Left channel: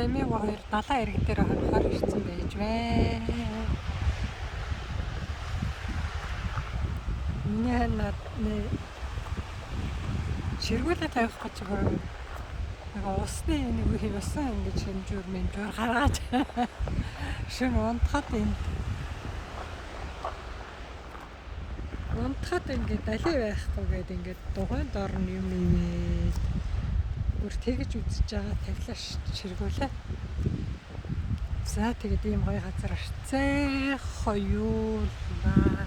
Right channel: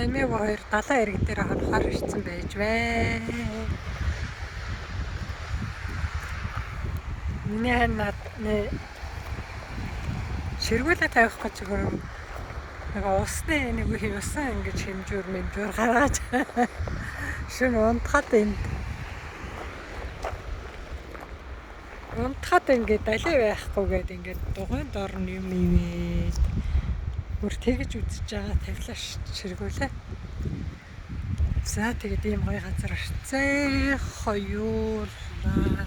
Эмээ 2 далайн иргэн дээр хонохоор ирсэн байж байна. Миний ханаад ширгүүлээ тавих гэж хөрөм нэг усны нэг усан ингэж хэмжүүр мэмжүүр гаргаж шин унтахад ингээд далий байхгүйгээд ингээд дугуйн дор нь юм ивээд бүр тэгж үзэж байгаа тавилаа ширгүүлээ. За тэгээд ийм гоё газар ирцээ хоёулаа.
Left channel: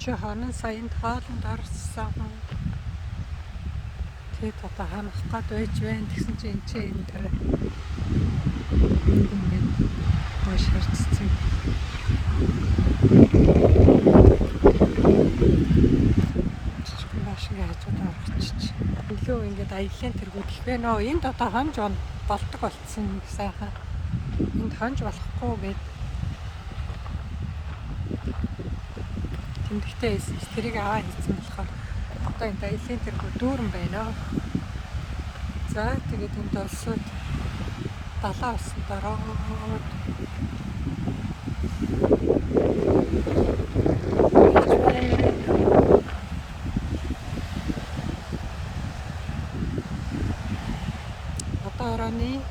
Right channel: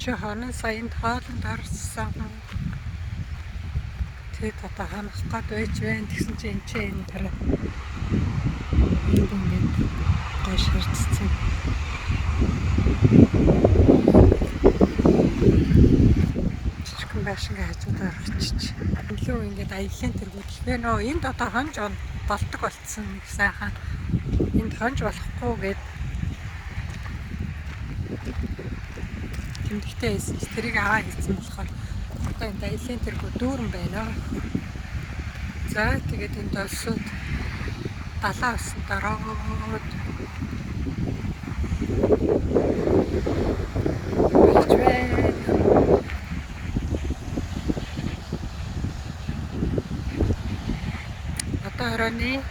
Чи хонон саянд хоолнд орсон. Тэг одоо ханах гээд байж байна. Тэгсэн чинь энэ дараа ингээд гоё ширцсэн. Жижигхэн байшингийн хажуудаар очиж. Илүү ингээд аяллаа тэргүүлэх бэ нөө энд одоо хонж болдог болцсон сайхан. Энд хонж болохгүй гээд тэмдэгтэй байсан. Тэрийг аваа хийсэн болохоор одоо энэ аяллаа тэргүү дүүрэн байна. За тэгээд энэ долсууд далаа усан дороод одоо орооны